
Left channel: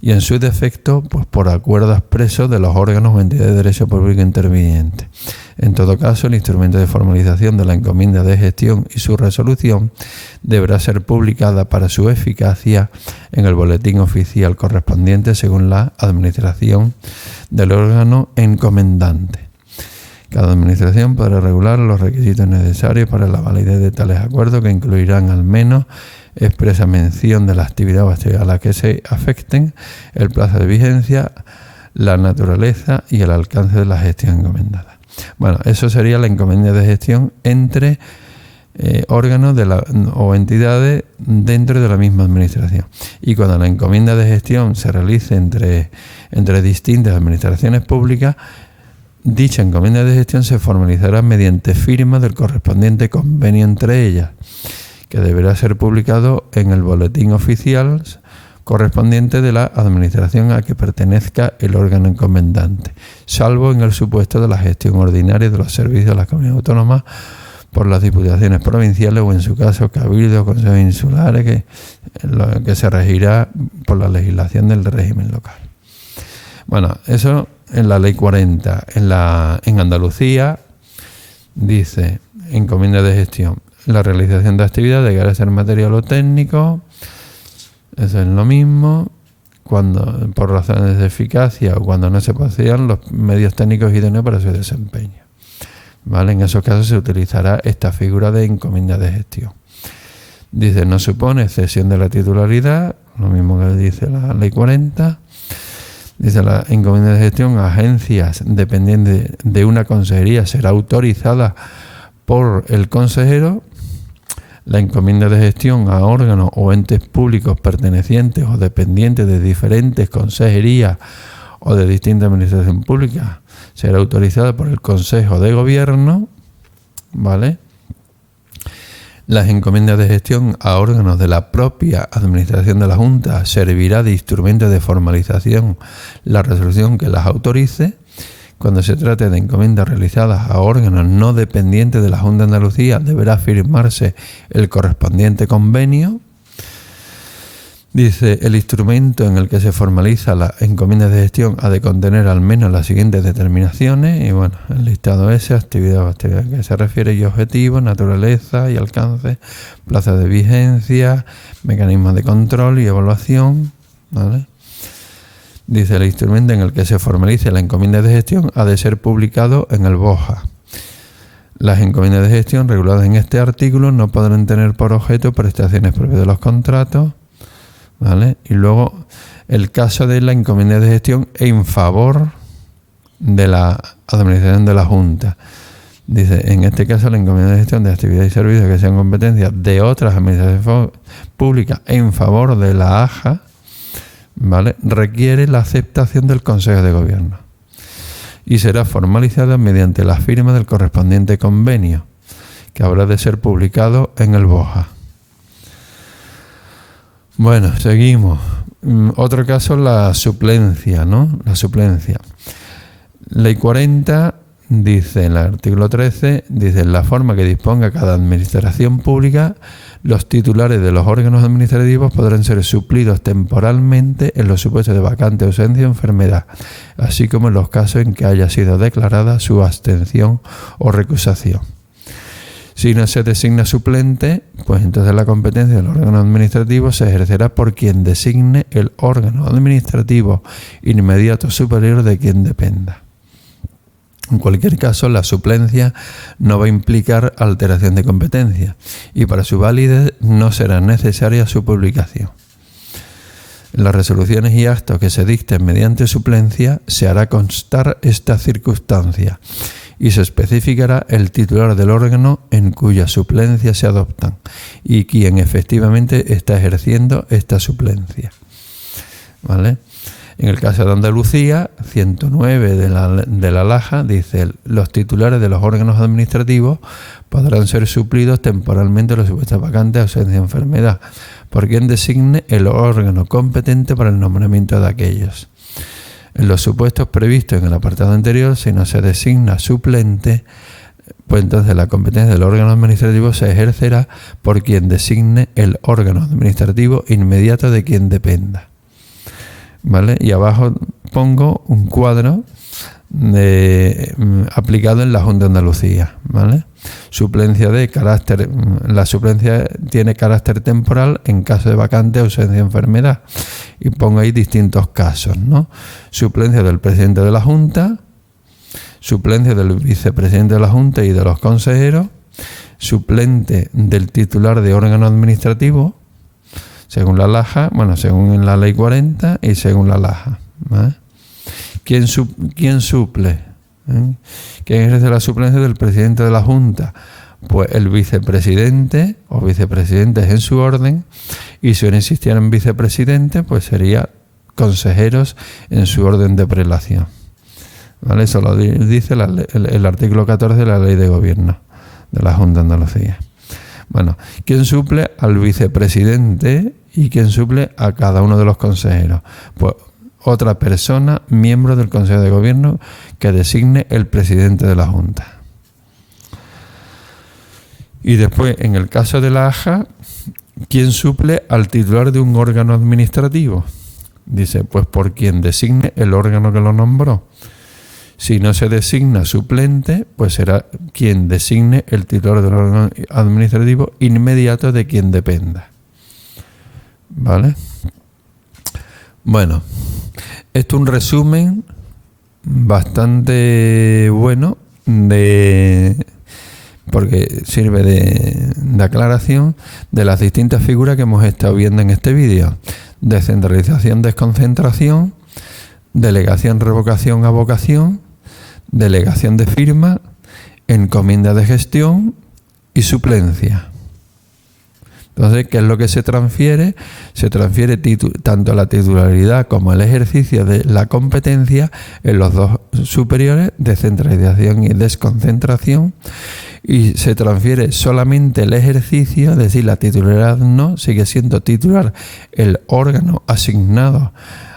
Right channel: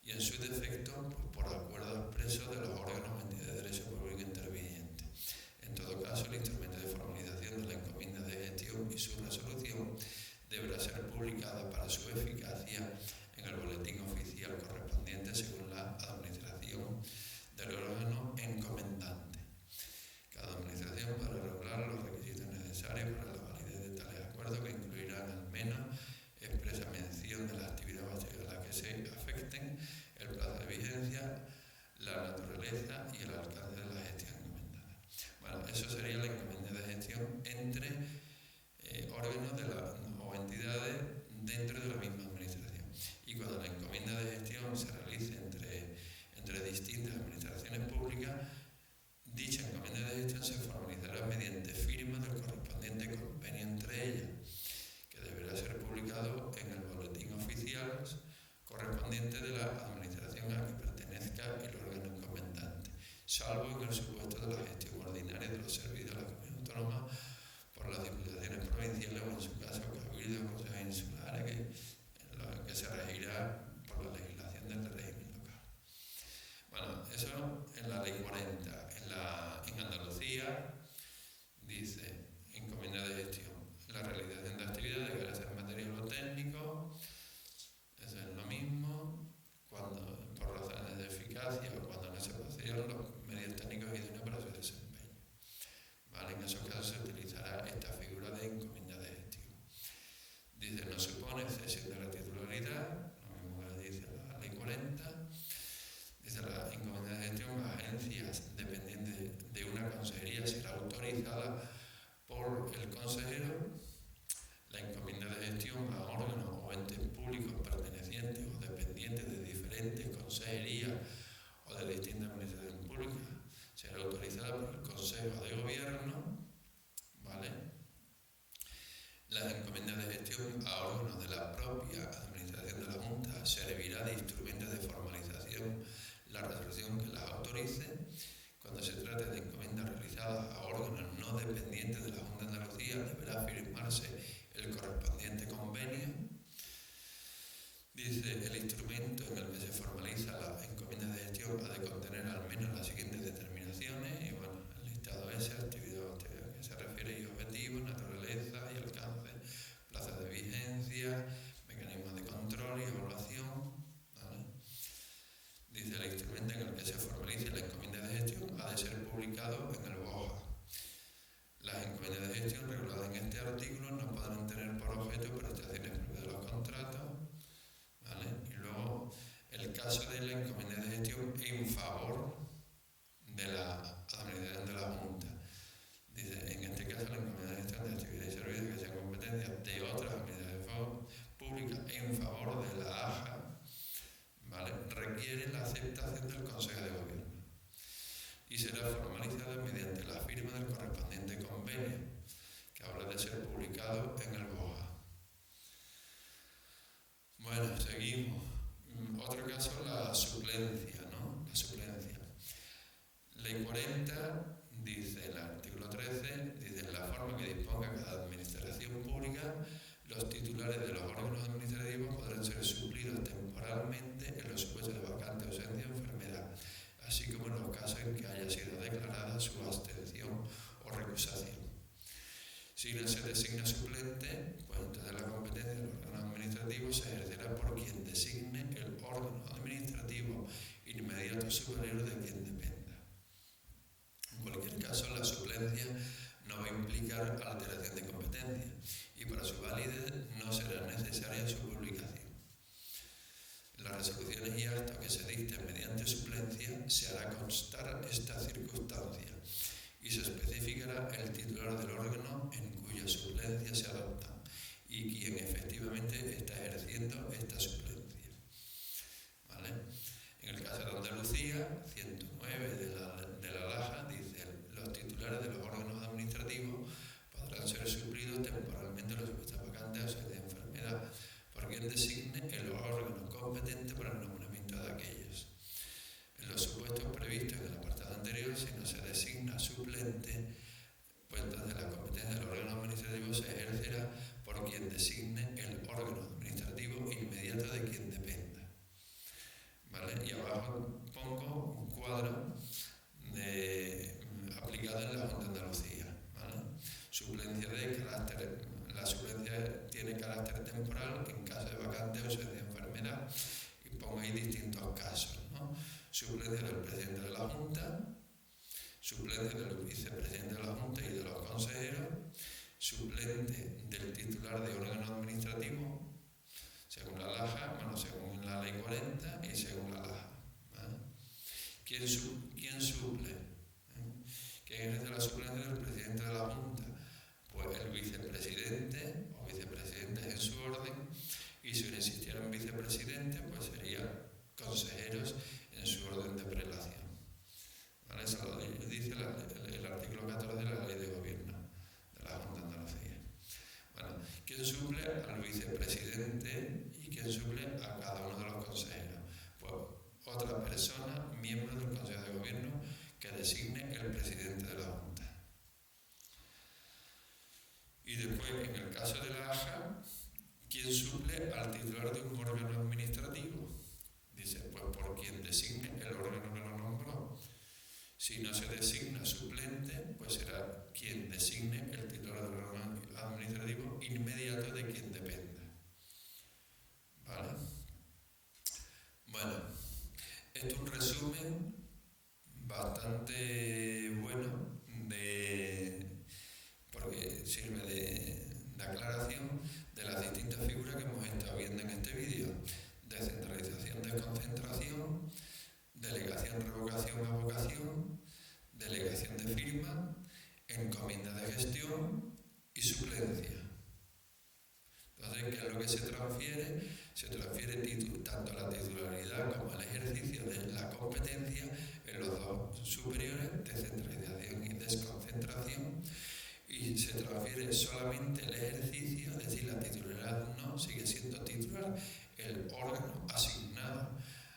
y en su defecto, pues por acuerdo expreso de los órganos o entidades de derecho público intervinientes. En todo caso, el instrumento de formalización de la encomienda de gestión y su resolución deberá ser publicada para su eficacia en el boletín oficial correspondiente según la administración del órgano encomendante. Cada administración podrá regular los requisitos necesarios para la validez de tales acuerdos, que incluirán al menos expresa mención de la actividad o actividad a la que se afecten, el plazo de vigencia, la naturaleza y el alcance de la gestión encomendada. Bueno, eso sería la encomienda de gestión entre órganos o entidades dentro de la misma administración. Y cuando la encomienda de gestión se realice entre distintas administraciones públicas, dicha encomienda de gestión se formalizará mediante firma del correspondiente convenio entre ellas, que deberá ser publicado en el boletín oficial correspondiente de la administración a que pertenezca el órgano encomendante, salvo en el supuesto de la gestión ordinaria de los servicios de las comunidades autónomas por las diputaciones provinciales o, en su caso, cabildos o consejos insulares, que se regirá por la legislación del régimen local. Bueno, eso en la Ley 40. En Andalucía dice, encomienda de gestión, la realización de actividades de carácter material o técnico, eso es lo mismo, cuando por razones de eficacia o cuando no se posean los medios técnicos idóneos para su desempeño. ¿Vale? En esos casos se utilizará esta figura de encomienda de gestión. Dice, no supone cesión de la titularidad, lo mismo que dice la Ley 40. Dice, la encomienda de gestión a agencias dependientes de una consejería será autorizada por el consejero. La encomienda de gestión a órganos o entes públicos pertenecientes o dependientes de diferentes consejerías o de distintas administraciones públicas será autorizada por el Consejo de Gobierno, ¿vale? Las encomiendas de gestión a órganos de la propia administración de la Junta servirá de instrumento de formalización la resolución que las autorice. Cuando se trate de encomiendas realizadas a órganos no dependientes de la Junta de Andalucía, deberá firmarse el correspondiente convenio. Dice, el instrumento en el que se formaliza la encomienda de gestión ha de contener al menos las siguientes determinaciones. Y bueno, el listado ese, actividad a que se refiere y objetivos, naturaleza y alcance, plazo de vigencia, mecanismos de control y evaluación, ¿vale? Dice, el instrumento en el que se formalice la encomienda de gestión ha de ser publicado en el BOJA. Las encomiendas de gestión reguladas en este artículo no podrán tener por objeto prestaciones propias de los contratos, ¿vale? Y luego el caso de la encomienda de gestión en favor de la administración de la Junta. Dice, en este caso la encomienda de gestión de actividades y servicios que sean competencias de otras administraciones públicas en favor de la AJA, ¿vale?, requiere la aceptación del Consejo de Gobierno y será formalizada mediante la firma del correspondiente convenio, que habrá de ser publicado en el BOJA. Bueno, seguimos. Otro caso, la suplencia, ¿no? La suplencia. Ley 40 dice, en el artículo 13, dice, la forma que disponga cada administración pública Los titulares de los órganos administrativos podrán ser suplidos temporalmente en los supuestos de vacante, ausencia o enfermedad, así como en los casos en que haya sido declarada su abstención o recusación. Si no se designa suplente, pues entonces la competencia del órgano administrativo se ejercerá por quien designe el órgano administrativo inmediato superior de quien dependa. En cualquier caso, la suplencia no va a implicar alteración de competencia y para su validez no será necesaria su publicación. En las resoluciones y actos que se dicten mediante suplencia se hará constar esta circunstancia y se especificará el titular del órgano en cuya suplencia se adoptan y quien efectivamente está ejerciendo esta suplencia. ¿Vale? En el caso de Andalucía, 109 de la LAJA dice: los titulares de los órganos administrativos podrán ser suplidos temporalmente en los supuestos vacantes, ausencia de enfermedad, por quien designe el órgano competente para el nombramiento de aquellos. En los supuestos previstos en el apartado anterior, si no se designa suplente, pues entonces la competencia del órgano administrativo se ejercerá por quien designe el órgano administrativo inmediato de quien dependa. ¿Vale? Y abajo pongo un cuadro aplicado en la Junta de Andalucía. ¿Vale? La suplencia tiene carácter temporal en caso de vacante, ausencia, enfermedad. Y pongo ahí distintos casos, ¿no? Suplencia del presidente de la Junta, suplencia del vicepresidente de la Junta y de los consejeros, suplente del titular de órgano administrativo, según la LAJA, según la Ley 40 y según la LAJA. ¿Vale? ¿Quién suple? ¿Quién ejerce la suplencia del presidente de la Junta? Pues el vicepresidente o vicepresidentes en su orden, y si no existieran vicepresidentes, pues sería consejeros en su orden de prelación. ¿Vale? Eso lo dice el artículo 14 de la Ley de Gobierno de la Junta de Andalucía. Bueno, ¿quién suple al vicepresidente y quién suple a cada uno de los consejeros? Pues otra persona, miembro del Consejo de Gobierno, que designe el presidente de la Junta. Y después, en el caso de la AJA, ¿quién suple al titular de un órgano administrativo? Dice, pues por quien designe el órgano que lo nombró. Si no se designa suplente, pues será quien designe el titular del órgano administrativo inmediato de quien dependa. ¿Vale? Bueno, esto es un resumen bastante bueno porque sirve de aclaración de las distintas figuras que hemos estado viendo en este vídeo. Descentralización, desconcentración, delegación, revocación, avocación, delegación de firma, encomienda de gestión y suplencia. Entonces, ¿qué es lo que se transfiere? Se transfiere tanto la titularidad como el ejercicio de la competencia en los dos superiores, descentralización y desconcentración, y se transfiere solamente el ejercicio, es decir, la titularidad no, sigue siendo titular el órgano asignado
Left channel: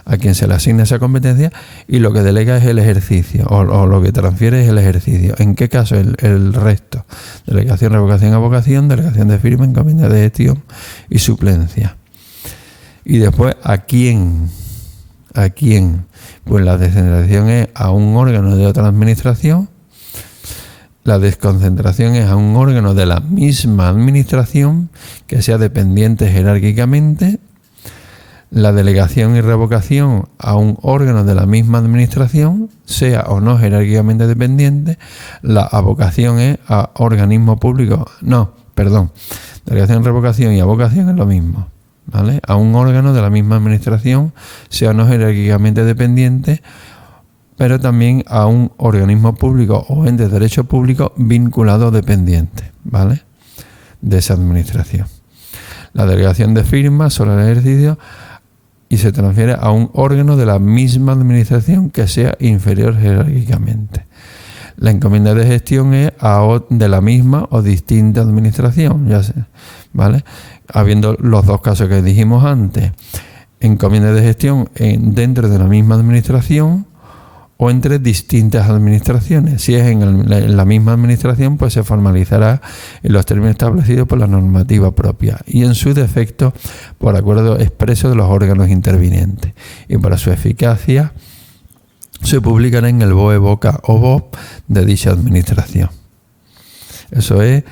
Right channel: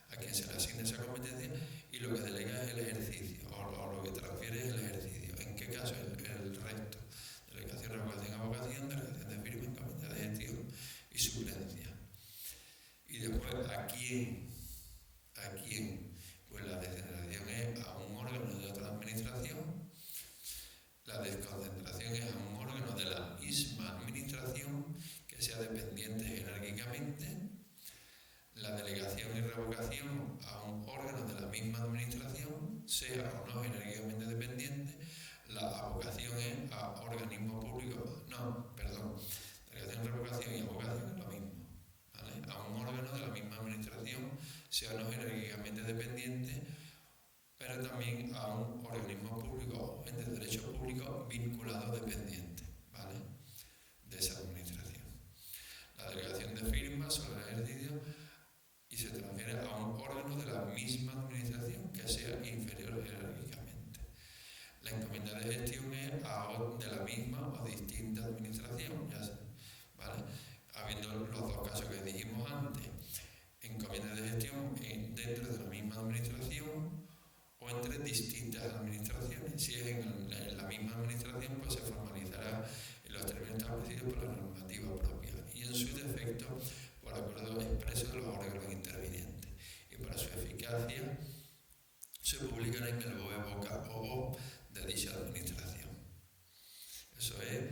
a quien se le asigna esa competencia, y lo que delega es el ejercicio, o lo que transfiere es el ejercicio. ¿En qué caso? El resto. Delegación, revocación, avocación, delegación de firma, encomienda de gestión y suplencia. Y después, ¿a quién? ¿A quién? Pues la descentralización es a un órgano de otra administración, la desconcentración es a un órgano de la misma administración que sea dependiente jerárquicamente, la delegación y revocación a un órgano de la misma administración, sea o no jerárquicamente dependiente. La avocación es a organismo público. Delegación, revocación y avocación es lo mismo. ¿Vale? A un órgano de la misma administración, sea o no jerárquicamente dependiente, pero también a un organismo público o ente de derecho público vinculado o dependiente, ¿vale? De esa administración. La delegación de firma sobre el ejercicio y se transfiere a un órgano de la misma administración que sea inferior jerárquicamente. La encomienda de gestión es de la misma o distinta administración, ya sé, ¿vale? Habiendo los dos casos que dijimos antes, encomienda de gestión dentro de la misma administración o entre distintas administraciones. Si es en la misma administración, pues se formalizará en los términos establecidos por la normativa propia y en su defecto por acuerdo expreso de los órganos intervinientes. Y para su eficacia se publicará en el BOE, BOCA o BOP de dicha administración. Eso es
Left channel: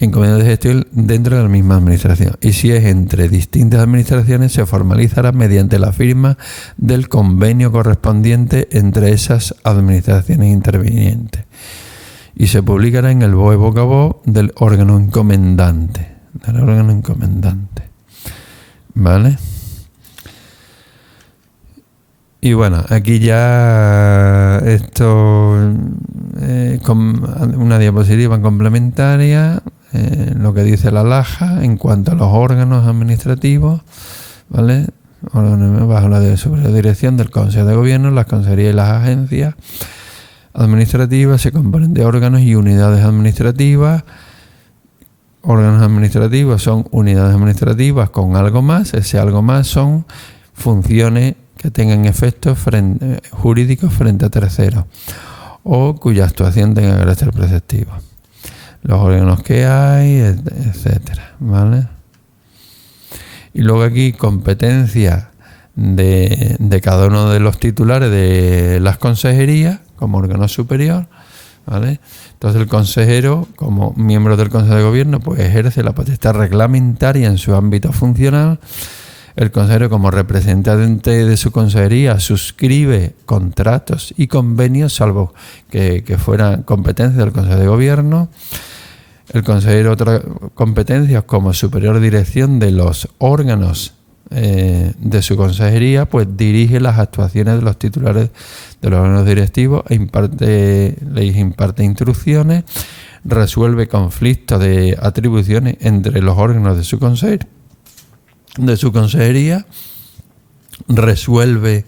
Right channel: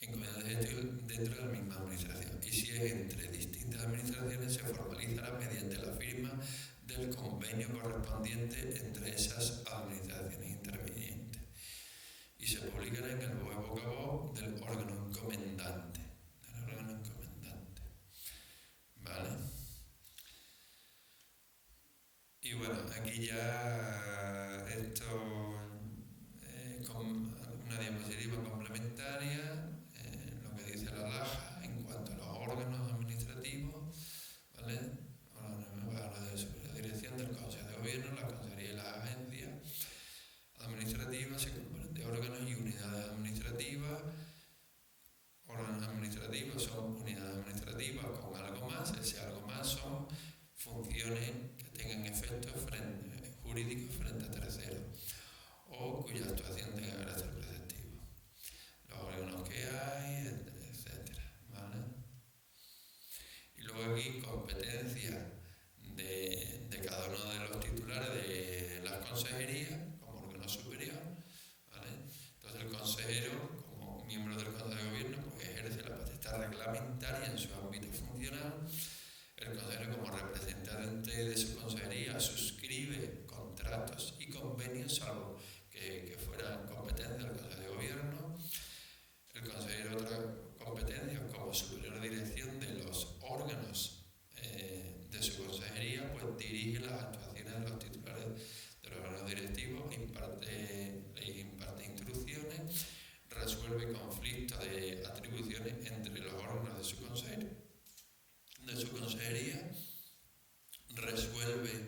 encomienda de gestión dentro de la misma administración. Y si es entre distintas administraciones, se formalizará mediante la firma del convenio correspondiente entre esas administraciones intervinientes. Y se publicará en el BOE Boca BOP del órgano encomendante. ¿Vale? Y bueno, aquí ya esto con una diapositiva complementaria, lo que dice la LAJA en cuanto a los órganos administrativos, ¿vale? Bajo la superior dirección del Consejo de Gobierno, las consejerías y las agencias administrativas se componen de órganos y unidades administrativas. Órganos administrativos son unidades administrativas con algo más. Ese algo más son funciones que tengan efectos jurídicos frente a terceros o cuya actuación tenga carácter preceptivo. Los órganos que hay, etcétera, ¿vale? Y luego aquí competencia de cada uno de los titulares de las consejerías como órgano superior, ¿vale? Entonces el consejero, como miembro del Consejo de Gobierno, pues ejerce la potestad reglamentaria en su ámbito funcional. El consejero, como representante de su consejería, suscribe contratos y convenios, salvo que fueran competencia del Consejo de Gobierno. El consejero, otras competencias como superior dirección de los órganos de su consejería, pues dirige las actuaciones de los titulares de los órganos directivos, les imparte instrucciones, resuelve conflictos de atribuciones entre los órganos de su consejería, resuelve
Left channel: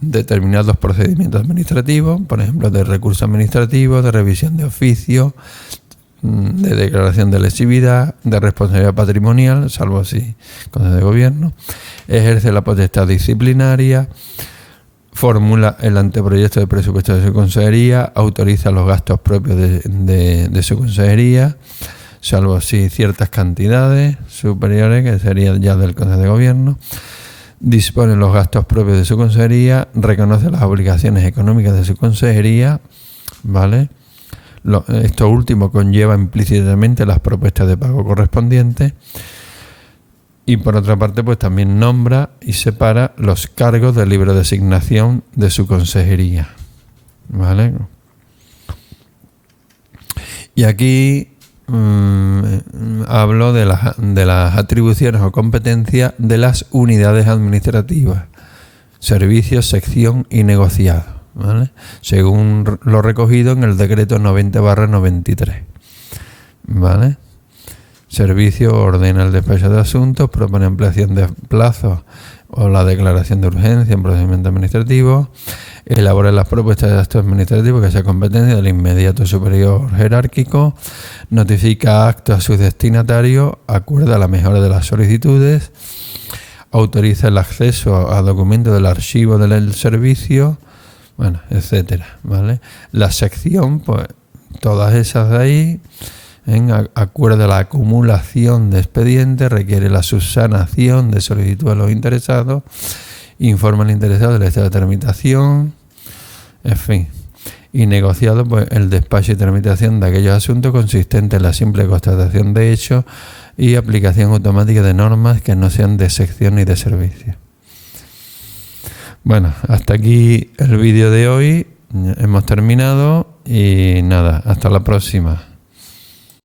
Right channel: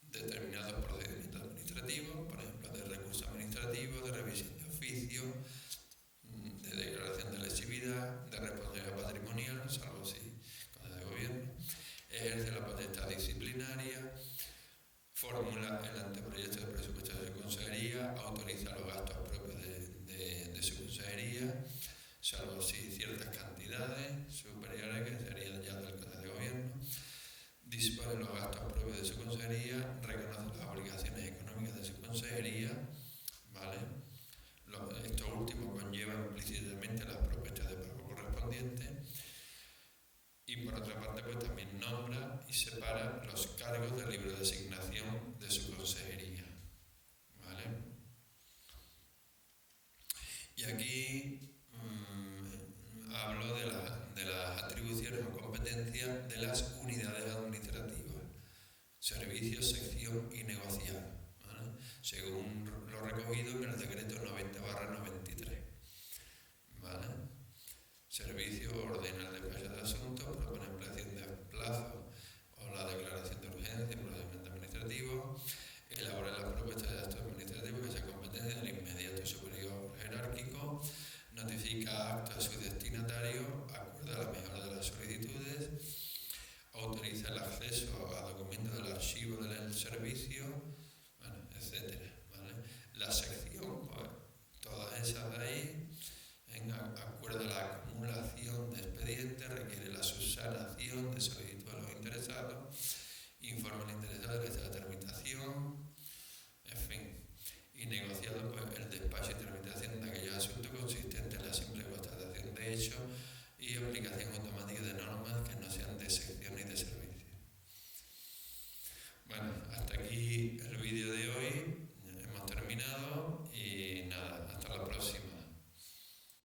determinados procedimientos administrativos, por ejemplo, de recursos administrativos, de revisión de oficio, de declaración de lesividad, de responsabilidad patrimonial, salvo si Consejo de Gobierno, ejerce la potestad disciplinaria, formula el anteproyecto de presupuesto de su consejería, autoriza los gastos propios de su consejería, salvo si ciertas cantidades superiores, que serían ya del Consejo de Gobierno, dispone los gastos propios de su consejería, reconoce las obligaciones económicas de su consejería, ¿vale? Esto último conlleva implícitamente las propuestas de pago correspondientes y por otra parte pues también nombra y separa los cargos de libre designación de su consejería, ¿vale? Y aquí hablo de las atribuciones o competencias de las unidades administrativas, servicios, sección y negociado, ¿vale? Según lo recogido en el decreto 90/93, ¿vale? Servicio ordena el despacho de asuntos, propone ampliación de plazos o la declaración de urgencia en procedimiento administrativo, elabora las propuestas de actos administrativos que sea competencia del inmediato superior jerárquico, notifica actos a sus destinatarios, acuerda la mejora de las solicitudes, autoriza el acceso a documentos del archivo del servicio, bueno, etcétera, ¿vale? La sección, pues todas esas de ahí, acuerda la acumulación de expedientes, requiere la subsanación de solicitud a los interesados, informa al interesado del estado de tramitación, en fin. Y negociado, pues el despacho y tramitación de aquellos asuntos consistentes en la simple constatación de hechos y aplicación automática de normas que no sean de sección ni de servicio. Bueno, hasta aquí el vídeo de hoy. Hemos terminado y nada, hasta la próxima.